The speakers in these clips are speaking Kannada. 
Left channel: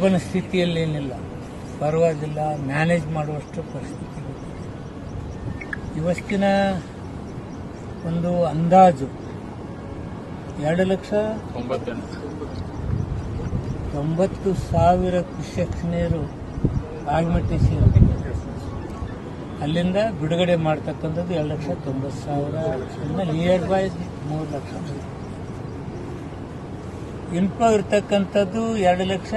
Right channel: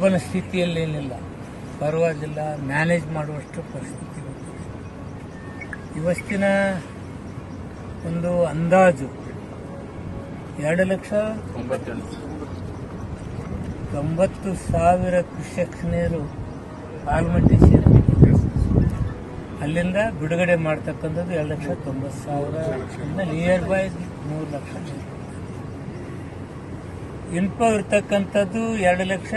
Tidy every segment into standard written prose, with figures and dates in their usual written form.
ಒಬ್ಬನ ಸ್ಥಿತಿಯಲ್ಲೇನಿಲ್ಲ, ಪರವಾಗಿಲ್ಲ, ಮ್ಯಾನೇಜ್ ಮಾಡುವಷ್ಟು ಪರಿಸ್ಥಿತಿ ಗೊತ್ತಿದೆ. ಇವತ್ತಿನ ಒಂದು ಅಂದಾಜು 2,90,000 ಕ್ಯೂಸೆಕ್ಸ್ ನೀರು ಆಲ್ಮಟ್ಟಿ ಸೇರಿದೆ. ಅಲ್ಲಿಂದ ಬಿಡುಗಡೆ ಮಾಡ್ತಕ್ಕಂಥದ್ದು 2,90,000 ನಿಯರ್ ಬೈ 3 ಲಕ್ಷ. ಇನ್ಫ್ಲೋ ಇರ್ತಕ್ಕಂಥದ್ದು 2 ಲಕ್ಷ.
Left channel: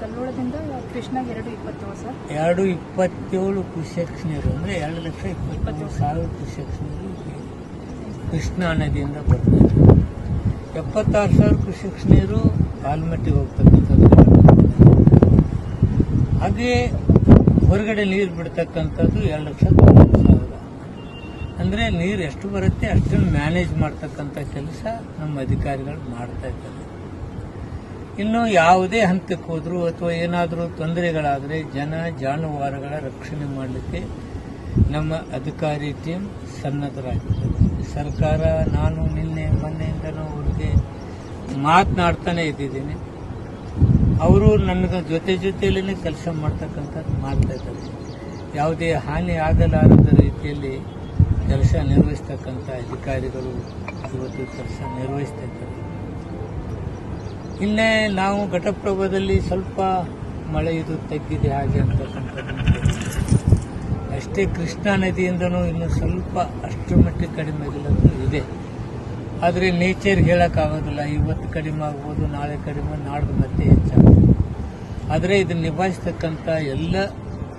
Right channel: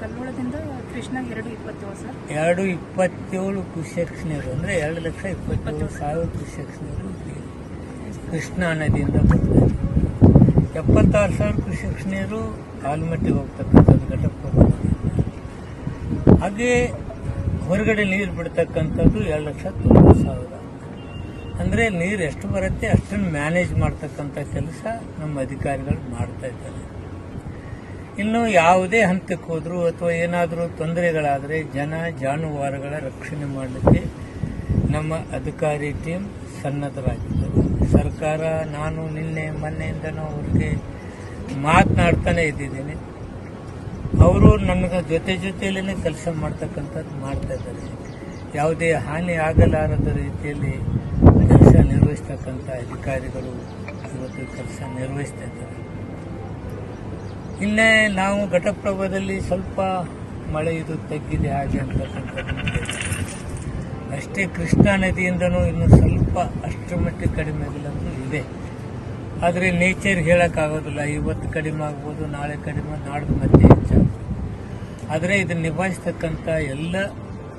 ಕಲ್ಲೋಳದಿಂದ ಕೃಷ್ಣ 227 ಕ್ಯೂಸೆಕ್ಸ್ ನೀರು ಅಂದರೆ 2,27,000 ಕ್ಯೂಸೆಕ್ಸ್ ನೀರು ಕೃಷ್ಣಾ ನದಿಯಿಂದ ಬರ್ತದೆ. 76,000 ಕ್ಯೂಸೆಕ್ಸ್ ನೀರು ಆಲ್ಮಟ್ಟಿಗೆ ಹೋಗ್ತಕ್ಕಂಥದ್ದು ಘಟಪ್ರಭಾ ನದಿಯಿಂದ. ಹಾಗೆ ಹೊರಗಡೆ ನೀರು ಬಿಡ್ತಕ್ಕಂಥದ್ದು 2,90,000. ಅಂದರೆ ನೀರು ಎಷ್ಟು ಬರುತ್ತೆ ಅಷ್ಟನ್ನು ಮ್ಯಾನೇಜ್ ಮಾಡ್ತಕ್ಕಂಥ ಕೆಲಸ ನಮ್ಮ ಅಧಿಕಾರಿಗಳು ಮಾಡ್ತಾ ಇದ್ದಾರೆ. ಇನ್ನು ಯಾವುದೇ ಹಂತಕ್ಕೆ ಹೋದರೂ ಅಥವಾ ಏನಾದರೂ ತೊಂದರೆಗಳಾದರೆ ಜನ ಜಾನುವಾರುಗಳ ರಕ್ಷಣೆ ಮಾಡಲಿಕ್ಕೆ ನಮ್ಮ ಅಧಿಕಾರಿ ಟೀಮ್ ಸನ್ನದ್ಧರಾಗಿರ್ತದೆ. ಸರ್ಕಾರ, ನಾನು ಮೊನ್ನೆಯಿಂದನೂ ಅವರಿಗೆ ಮಾತನಾಡ್ತಾನೆ ಇದ್ದಿದ್ದೀನಿ. ಅವರು ನನ್ನ ಜೊತೆಯಲ್ಲೇ ಕೆಲಸ ಮಾಡ್ತಕ್ಕಂಥದ್ದು ಮಾಡ್ತಾ ಇದ್ದಾರೆ. ಯಾವುದೇ ಹಾನಿ ಆಗಲಾರದ ರೀತಿಯಲ್ಲಿ ಕೆಲಸ ನಿರ್ವಹಿಸ್ತಕ್ಕಂಥ ಅಧಿಕಾರಿಗಳು ಇವತ್ತು ಕೆಲಸ ನಿರ್ವಹಿಸ್ತಾ ಇದ್ದಾರೆ. ಇನ್ನೇ ನಾವು ಘಟಪ್ರಭಾದಲ್ಲಿ ಸ್ವಲ್ಪ ಮಳೆ ಇದು ತಗ್ಗಿದೆ ಹಾಗೆ ಅಂತಕ್ಕಂಥದ್ದನ್ನು ಅಷ್ಟೇ. ಕೃಷ್ಣಾ ನದಿಯಿಂದನೂ ಇನ್ನು ಸ್ವಲ್ಪ ಅಷ್ಟರ ಮಟ್ಟಿಗೆ ಕಡಿಮೆ ಆಗಿಲ್ಲಂತೂ ಇದೆ. ಆದರೆ ನೇಚರ್ ಹೇಳೋಕ್ಕಾಗೋದಿಲ್ಲ. ಇವತ್ತು ಕಡಿಮೆ ಆಗ್ಬೋದು, ನಾಳೆ ಕಡಿಮೆ, ನಾಡ್ದು ಮತ್ತೆ ಹೆಚ್ಚಾಗ್ಬೋದು. ಆದರೆ ಇದನ್ನು ನಿಭಾಯಿಸ್ತಕ್ಕಂಥ ಎಲ್ಲ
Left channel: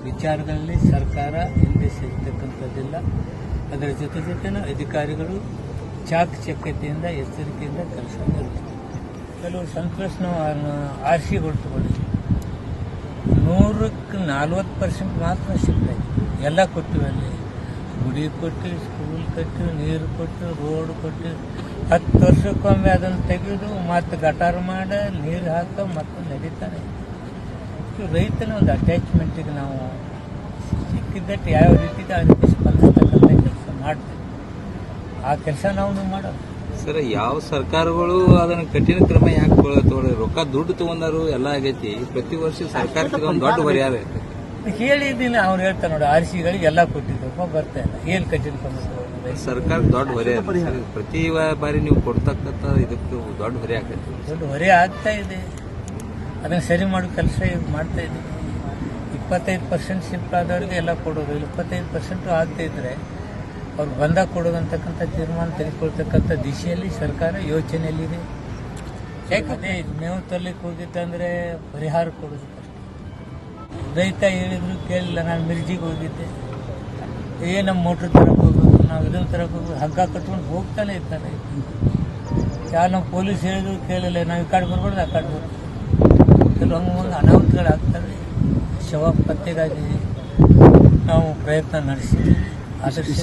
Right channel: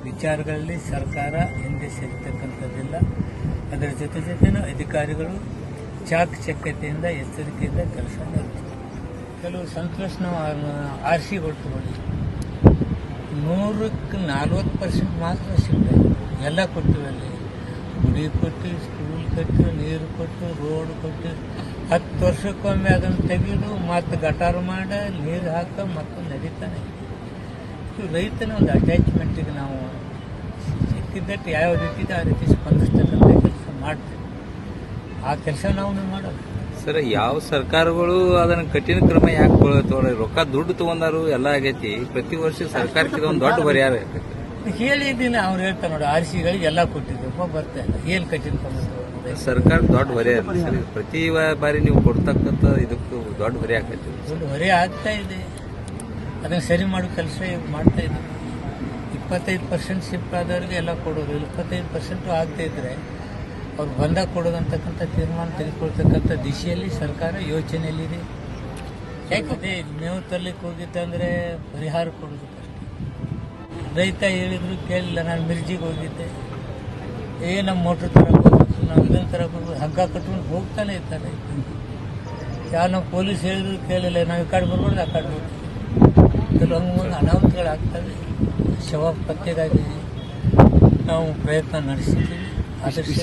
ವಿಚಾರಗಳಲ್ಲಿ ಸರ್ಕಾರ ಹಿಂದೆ ಸರಿತಕ್ಕಂಥದ್ದಿಲ್ಲ. ಅದರ ಜೊತೆನೂ ಅಧಿಕಾರಿಗಳು ಚಾಕಚಕ್ಯತೆಯಿಂದ, ಎಚ್ಚರಿಕೆಯಿಂದ ಕೆಲಸ ನಿರ್ವಹಿಸ್ತಾರೆ. ಕೆಲವು ಸಂತೋಷನ ಆರ್ಸಿ ತಗೊಳ್ಳಿ, 140% ಮಾತ್ರ ಸಿಗ್ತಾಯಿದೆ. ಎಲ್ಲ ಕೊಟ್ಟಿವಿ. ಅಲ್ಲಿ ಗುಡಿ ಕೊಟ್ಟು, ಸ್ಕೂಲ್ ಕೊಟ್ಟು, ನೀರು ಕೊಟ್ಟು, ರೋಡ್ ಕೊಟ್ಟು, 10 ವರ್ಷಕ್ಕೊಮ್ಮೆ ಅದನ್ನು ತೆಗೆದು ಮತ್ತೆ ಗಟಾರ ಮಾಡ, ನೀರು ಹಾಕ ಮತ್ತು ನಡೀತಾನೆ. ರೈತನ ಒಂದು ಅಟ್ಯಾಚ್ಮೆಂಟಿಗೆ ನಾವು ಸಿಕ್ಕಿದ್ದಟ್ಟು ಯಾವ ರೀತಿ ಇದೆ ಆ ರೀತಿ ಸ್ಪಂದಿಸ್ತಕ್ಕಂಥ ಕೆಲಸ ಮಾಡ್ತೀವಿ. ಆ ಕೆಲಸ ನಾವು ಮಾಡೋದು. ಸರ್, ಯಾವ ಸರ್ಕಾರಗಳು ಅದನ್ನ ಕಠಿಣ ಕ್ರಮ ಯಾಕೆ ತಗೊಳ್ತವ್ರೆ? ರೊಕ್ಕ ದುಡ್ಡು ತಗೊಂಡಾರು ಎಲ್ಲ ಆಗೈತಿ. ಪ್ರತಿ ವರ್ಷ ಸರ್ಕಾರಕ್ಕೆ ಒಂದು ದೊಡ್ಡ ಪರಿಹಾರ ಹೇಳಿದ್ದೀನಿ. ಅವ್ರು ಹೇಳ್ತಾರೆ ನೋಡಿ, ಆರ್ಸಿಗಳಿಗೆ ಎಲ್ಲ ಕೊಟ್ಟಿದ್ದು ಬರ್ತಾ ಇಲ್ಲ. ಏನು ಕಠಿಣ ಕ್ರಮ ತಗೊಳ್ತಾರೆ? ಸರ್ಕಾರ ದೊಡ್ಡ ಹೊರೆ ಆಗುತ್ತೆ ಸರ್. ಪ್ರತಿ ಬಾರಿ ನೀವು ಕೊಡ್ತಕ್ಕಂಥ ಇದಕ್ಕೆ ದೊಡ್ಡ ಹೊರೆ ಆಗ್ತೈತಿ. ದೊಡ್ಡ ಹೊರೆ ಆಗ್ತಾ ಇದೆ. ಅದನ್ನು ಸರಿ ಮಾಡೋ ಕೆಲಸ ಮಾಡ್ತಾ ಇದ್ದೀವಿ. 25% ಶಿಫ್ಟ್ ಆದವ್ರಿಗೆ ಎಲ್ಲ ಕೊಡೋದು, 25% ಆಗದೇ ಇದ್ರೆ ಅವ್ರು ಬಂದಾಗ ಕೊಡೋದಂತಕ್ಕಂಥ ತೀರ್ಮಾನ ತೆಗೆದುಕೊಳ್ತಕ್ಕಂಥ ದಿಶೆಯಲ್ಲಿ ಸರ್ಕಾರ ಯೋಚನೆಯಲ್ಲಿದೆ. ಯಾಕಂದ್ರೆ ಮೇವು ತರ್ಲಿಕ್ಕೆ ಹೋಗಿದ್ದಂದ್ರೆ ಪರಿಹಾರ ಕೊಡೋದು ಕಷ್ಟ. ರೈತ ಹೇಳಿದ್ರು ಕೇಳಿಲ್ಲ. ನಾನು ಮಿರ್ಜಿಗೆ ಹೋಗಿದ್ದೆ, ನಮ್ಮ ಮೋಟ್ರ್ ತರಕ್ಕೆ ಹೋಗ್ಬೇಕು, ನಾವು ಇದನ್ನು ತರಕ್ಕೆ ಹೋಗ್ಬೇಕು, ಹಗ್ಗ ಕಟ್ಕೊಂಡು ಹೋಗ್ತಾನೆ ಇರ್ತಾರೆ. ನಾವು ಪೊಲೀಸ್ ಹೇಳಿದ್ರು ಕೇಳಿಲ್ಲ. ನಾವು ಈ ಕಡೆ ಬರ್ಬಾರ್ದು, ಆ ಕಡೆ ಬರ್ಬೋದು. ಕೆಲವು ಹಂಗೆ ಅನಾಹುತಗಳಾಗ್ತವೆ. ಶವ ಪತ್ತೆಗಾಗಿ ನಾವು ಪ್ರಯತ್ನ ನಡೆಸಿದ್ದೀವಿ. ಆದಷ್ಟು